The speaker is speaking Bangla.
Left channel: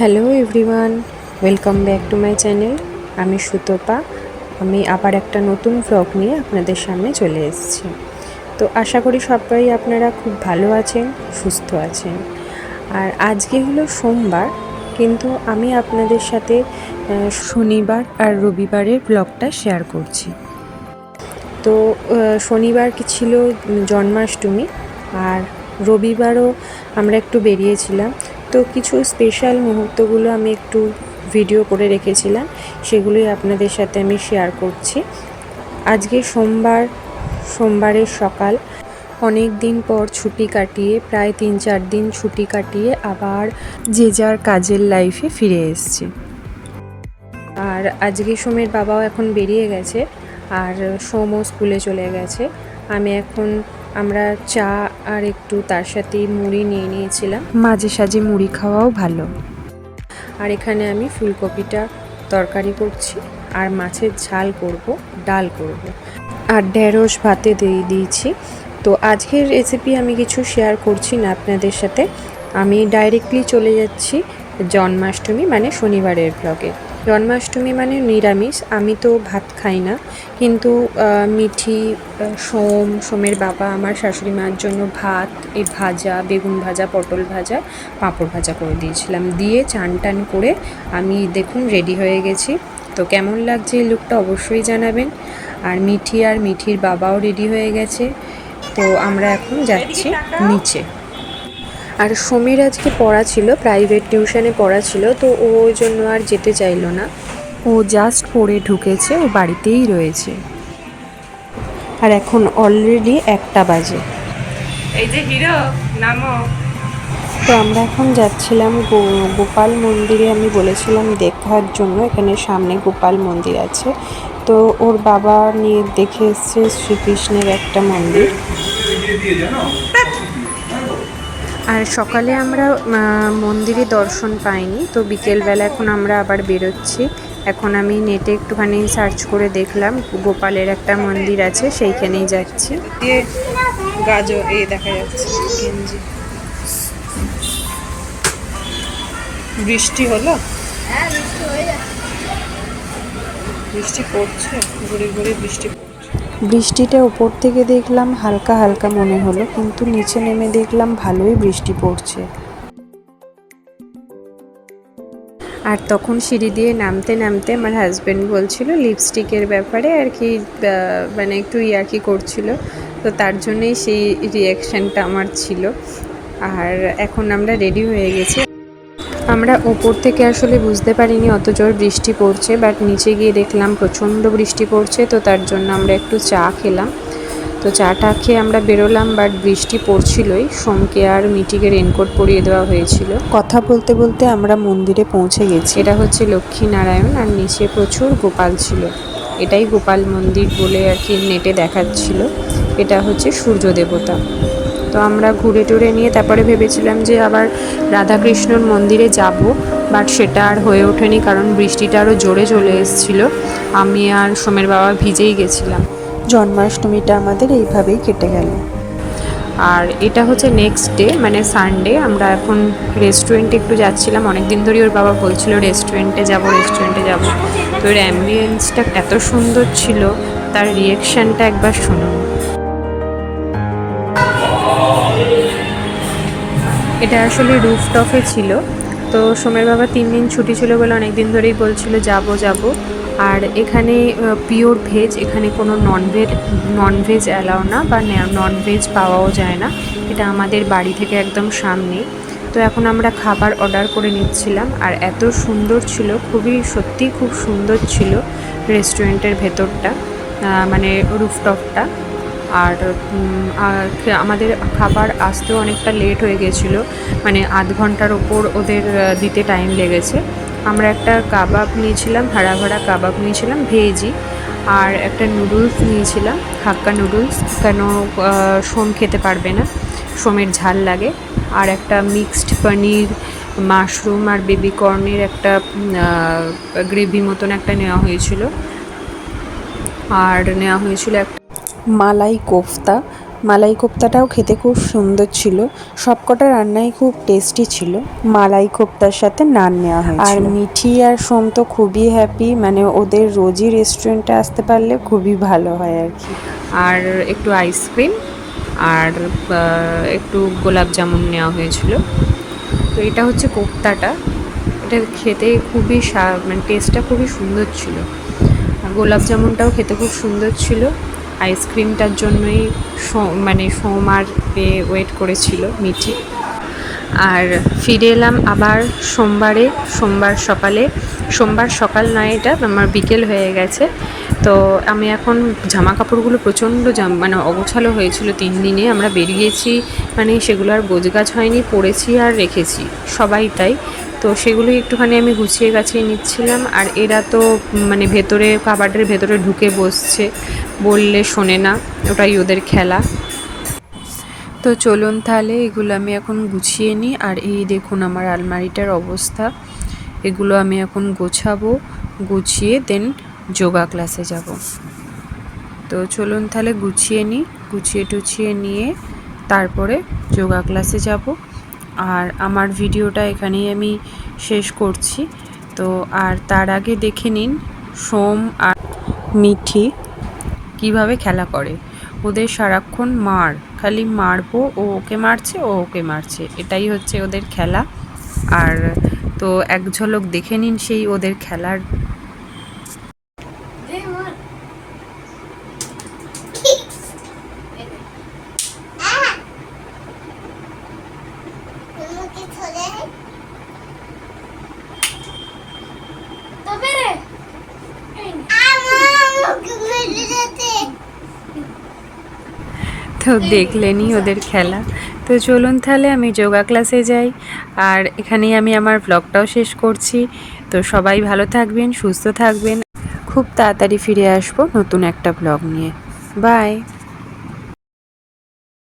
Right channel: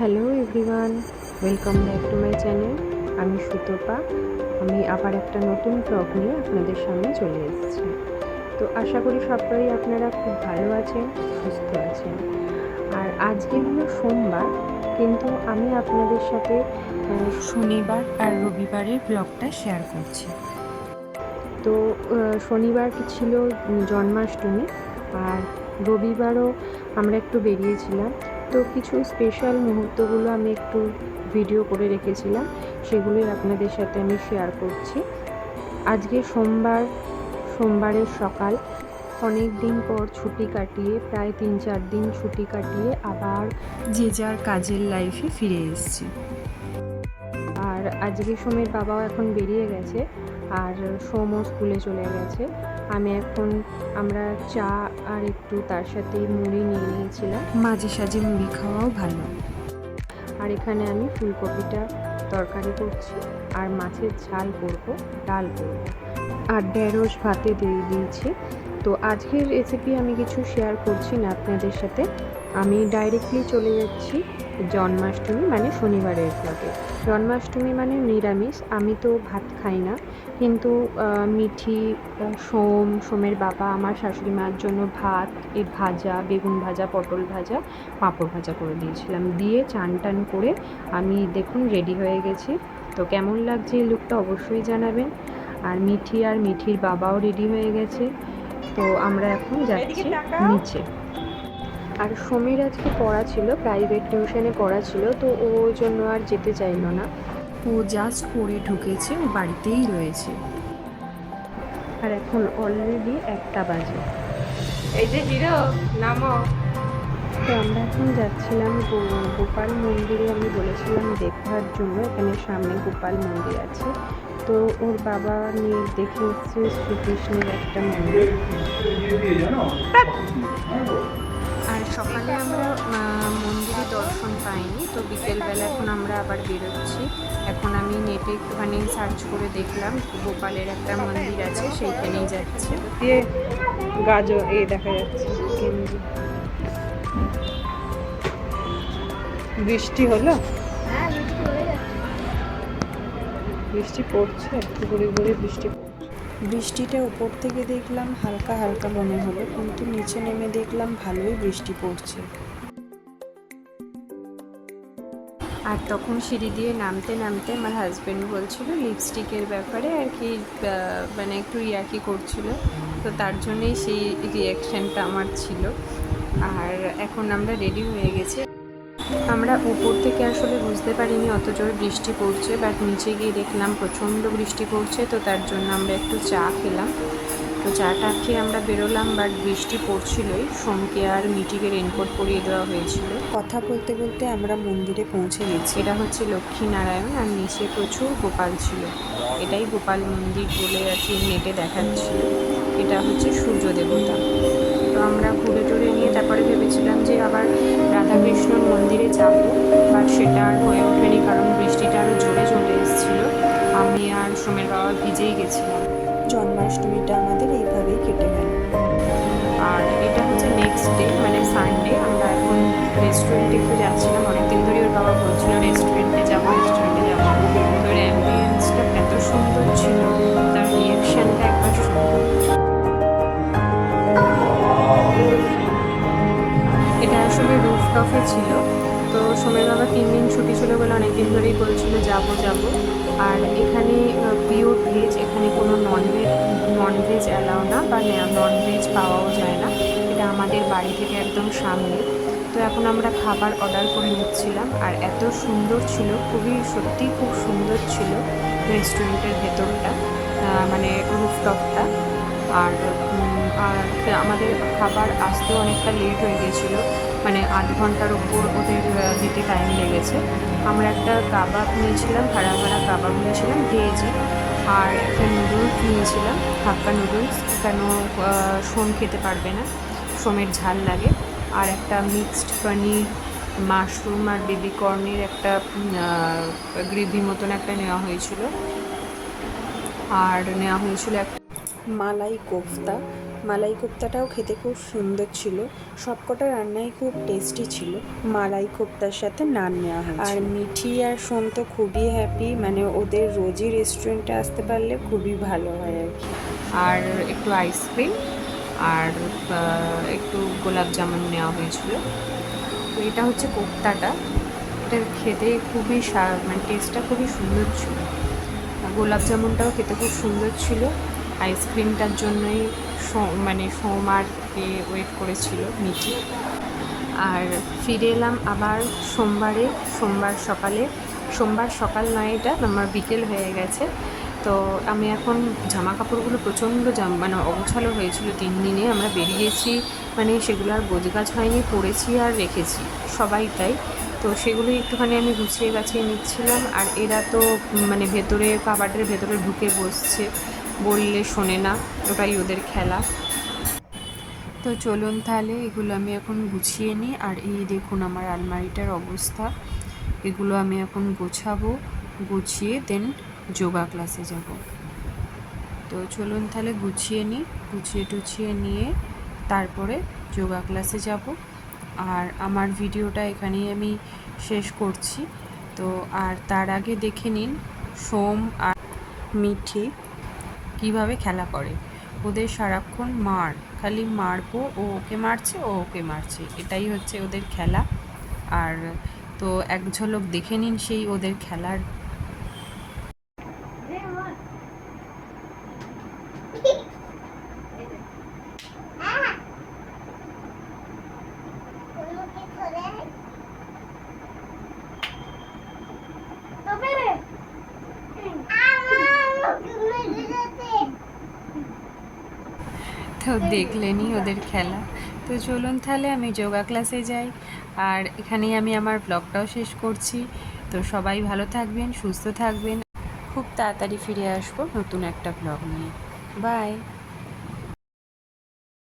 Hello everyone, welcome back to my channel. আমি সুতপা। আমি আবার একটা নতুন ব্লগ নিয়ে আপনাদের সামনে চলে এসেছি। তো আশা করি সবাই আপনারা খুব ভালো আছেন, সুস্থ আছেন। আর আজকে হলো সোমবার, কিন্তু আমি আপনাদের সাথে শনিবার আর রবিবারের ব্লগটা শেয়ার করছি। তো শনিবার কি ছিল জন্মাষ্টমী, আর রবিবারও আমরা একটু বেরিয়েছিলাম। তো কিছু স্পেশাল মুহূর্তগুলো আমি একটু ভিডিও করে রেখেছিলাম, সেগুলোই আপনাদের সাথে আমি শেয়ার করছি। আজকে সোমবারের সকাল, অনেক দিন পর ছুটি কাটিয়ে, প্রায় 3-4 দিন ছুটি কাটিয়ে আবার যে যার কাজের লাইফে ফিরে এসেছি। আর আজকে সোমের বাবাও এখন বেরিয়ে গেছে, আর সোমও স্কুলে চলে গেছে। আমরা চা আর একটু তার সাথে মুড়ি নিয়ে নিয়েছিলাম, মাঝে সাঝে মুড়ি খাওয়াও ভালো। আর এখানে আমি ফুলকপিটা তরকারি করছি, আর মাছের ঝাল করব, ডাল করব, আর ঢেঁড়স ভাতে দিয়ে দিয়েছি। তো আজকের রেসিপি আমি কিছু শেয়ার করছি না আপনাদের সাথে, আমি ডাইরেক্টলি চলে যাচ্ছি জন্মাষ্টমী মানে শনিবারের ব্লগে। জন্মাষ্টমী মানে নিরামিষ, আমি তো ভাত খাই না, কিন্তু মিঠি, সোমের বাবা, আমার শাশুড়ি মার জন্য ভাত, এই ভাজা, বেগুন ভাজা, পটল ভাজা, পাঁপড় ভাজা করে দিয়েছিলাম। দিয়ে চান টান করে আমি দেখুন রেডি হয়ে গেছি। তো কেমন লাগছে এই লুকটা অবশ্যই জানাবেন। আর মিঠির বাবাও রেডি হয়ে গেছে। তো আমরা এখন যাচ্ছি নিচে। আর সোমের আজকে পড়া ছিল, প্রাইভেট টিউশনে পড়া ছিল, তো ও ওই জন্য আর যেতে চাইলো না। ও জাস্ট পড়ে ঢুকেছে, ও বাড়িতেই রয়েছে। আর এখন অলরেডি 1টা বাজে। এই যে হিরো নামো। তো আমরা এখন যাচ্ছিলাম গোপাল মন্দিরে। আমি বলেছিলাম দেখার জন্য, এখানে সামনে গোপাল মন্দির আছে। তো ওর বাবা নিয়ে দেখে এসছে শ্রীকৃষ্ণের একটা মন্দির। আর সকালে আমরা মন্দিরে দর্শন পাইনি, তো বিকেলবেলা এখন আমরা আবার বেরোচ্ছি। এখন আমি নেটে একটুখানি সার্চ করে দেখলাম গোপালের একটা মন্দির আছে, সেইখানেই যাচ্ছি। গাজর এই দেখা যাচ্ছে গেঞ্জি। বৃষ্টি হলো, বৃষ্টি পড়ছে, ঘুরে ঘুরে বৃষ্টি। বৃষ্টিটা উপর থেকে দেখলাম হালকা হালকা মনে হলো, কিন্তু নিচে নেমে দেখলাম ভালোই বৃষ্টি পড়ছে। আর তখন সিঁড়ি দিয়ে নামতে নামতে আমার হাজব্যান্ড বলছিল লিপস্টিকের ব্যাপারে আর কি, মানে একটু ইয়ার্কি করছিল, তো তার জন্যই সেই রিয়াকশানটা আমার ছিল। আর এখন আমরা রেডি হয়ে গেছি। আমরা ওপর থেকে আসলে বুঝতে পারিনি অত জোর বৃষ্টি পড়ছে, বাট নিচে গিয়ে দেখলাম প্রচণ্ড বৃষ্টি পড়ছে। তো তার জন্য আমরা একটু চা খেলাম। তো চাটা খেয়ে আমরা বেরোলাম, বাট বৃষ্টি পড়ছিলই। সোমকে আর মিটিকে রেনকোট পরিয়ে দেওয়া হয়েছিল। কথা বলতে বলতে আমরা মন্দিরে পৌঁছে গেছি। এটা হচ্ছে লক্ষ্মীনারায়ণ, আর নিচে প্রচুর গোপাল ছিল। এটাই গোপাল মন্দির বলে আর কি নেটে দেখাচ্ছিল। এটা হচ্ছে সূর্য দেবতা। তো আমরা ঘুরে টুরে নিয়ে তারপরে ভেবেছিলাম যে আবার রাধাকৃষ্ণর মন্দিরে যাব, বাট সেটা আর হয়ে ওঠেনি, কারণ বৃষ্টিটা আরও জোরে চলে এসেছিলো। আমি আর সোমের বাবা ভিজেই গেছিলাম। জন্মাষ্টমীটা আমাদের এইভাবেই কেটে গেল। আর এটা হচ্ছে নেক্সট ডে, মানে সানডে। আমরা এখন রেস্টুরেন্টে একটু যাচ্ছিলাম, অনেকদিন ধরেই ওর বাবা বলছিল রেস্টুরেন্টে যাব। তো ওর অ্যাম্বিয়েন্সটা এত সুন্দর ছিল, তার রিয়াকশানটা একবার শুনুন। এটা আসলে রুফটপে ছিল। তো সোমের বাবা 3 দিন ছুটি ছিল বলে অনেক দিন ধরেই বলছিল যাব। আর এখানে পিওর ভেজ, এখানে কোনো ননভেজ অ্যালাউ না, বা ননভেজ পাওয়াও যায় না। এটা আমাদের বাড়ি থেকে একদম সামনে। তো এখন আমরা খাবার অর্ডার করে নিচ্ছিলাম, আর এত সুন্দর ছিল, সত্যিই খুব সুন্দর ছিল রেস্টুরেন্টের ভেতরটা, মানে রুফটপটা। আর আমাদের খাবার আসতেও অনেকটা লেট হয়ে গেছিলো, মানে আধ ঘন্টার ওপর ওদের দিতে টাইম লেগেছে। আমরা একটা কাবাব নিয়েছিলাম, ভাড়া কাবাব নিয়েছিলাম ভেজই, আর একটা নুডলস নিয়েছিলাম, হাক্কা নুডলস, কেন সোম খেতে পারবে না, সোমের ঝাল লাগে। আর একটা মিক্সড পনির, মাশরুম আর বেবি কর্নের একটা গ্রেভি মতন একটা নেওয়া হয়েছিল। আর নেওয়া হয়েছিল একটা মালাই কোফতা, মালাই কোপ্তাটাও খেতে খুব সুন্দর ছিল। সবকটা রান্নাই খুব টেস্টি ছিল। মালাই কোপ্তার সাথে নান নেওয়া হয়েছিল। আর মিঠি আর সোম তো খুবই হ্যাপি, মানে ওদের রোজই রেস্টুরেন্টে আসতে পারলে খুবই ভালো হয় আর কি। আর একটু আইসক্রিম আর একটু গোলাপ জামুন নেওয়া হয়েছিল। তো এটা হচ্ছে কোপ্তাটা, এটা খেতে খুবই মানে টেস্টটা খুবই সুন্দর ছিল। আর গোলাপ জামুনটাও খেতে খুব সুন্দর ছিল। আইসক্রিমটার জন্যই মানে সোমার ওয়েট করেছিল মিঠি। আর ফিরে এলাম আবার সোমবার সকাল নয়, এটা আমার বিকেল হয়ে গেছে। তো আমি এখন জামা কাপড়গুলো প্রচণ্ড মানে অগোছালো হয়েছিল 3 দিনে আমরা বেরিয়েছি, মানে সেগুলো আর গোছগাছ হয়নি, পরেছি আর রেখেছি সবাই তাই। তো সেগুলোই একটুখানি আমি গুছিয়ে গাছিয়ে নিচ্ছিলাম। আর এরা তো মানে ভেতরে কাবার্ডের ভেতরে ঢুকে বসছে, বললে শোনে না, ওটাই ওদের খেলা। তো চলুন তাহলে এগুলো আমি এখন গুছিয়ে নিই। আর এই দেখুন আমার আলমারিটার অবস্থা, এগুলো আমি এখন গোছাবো, গুছিয়ে দেন যোগা ক্লাসে যাব। তো চলুন তাহলে গুছিয়ে নিই, গুছিয়ে টুছিয়ে নিয়ে তারপরে যোগা ক্লাসে যাব। আর আমার ভিডিওটা এখানেই আমি শেষ করছি। তো আর তার আগে দেখে নিন সোম আর মিঠি কিভাবে খেলা করে। ওদের সারাক্ষণ খালি মারবো, ও ওকে মারছে, ও ওকে মারছে, এটাই হচ্ছে ওদের খেলা। আর তো এক ঝলক দেখে নিন সেই ওদের খেলার। তো দেখলেনই ওদের খেলা। তো চলুন তাহলে আমি যোগা ক্লাসে যাই। আর এখানেই আমি আমার ব্লগটাও শেষ করছি। তো সবাই ভালো থাকবেন, সুস্থ থাকবেন। খুব তাড়াতাড়ি ফিরে আসবো নতুন একটা ব্লগ নিয়ে। বাই।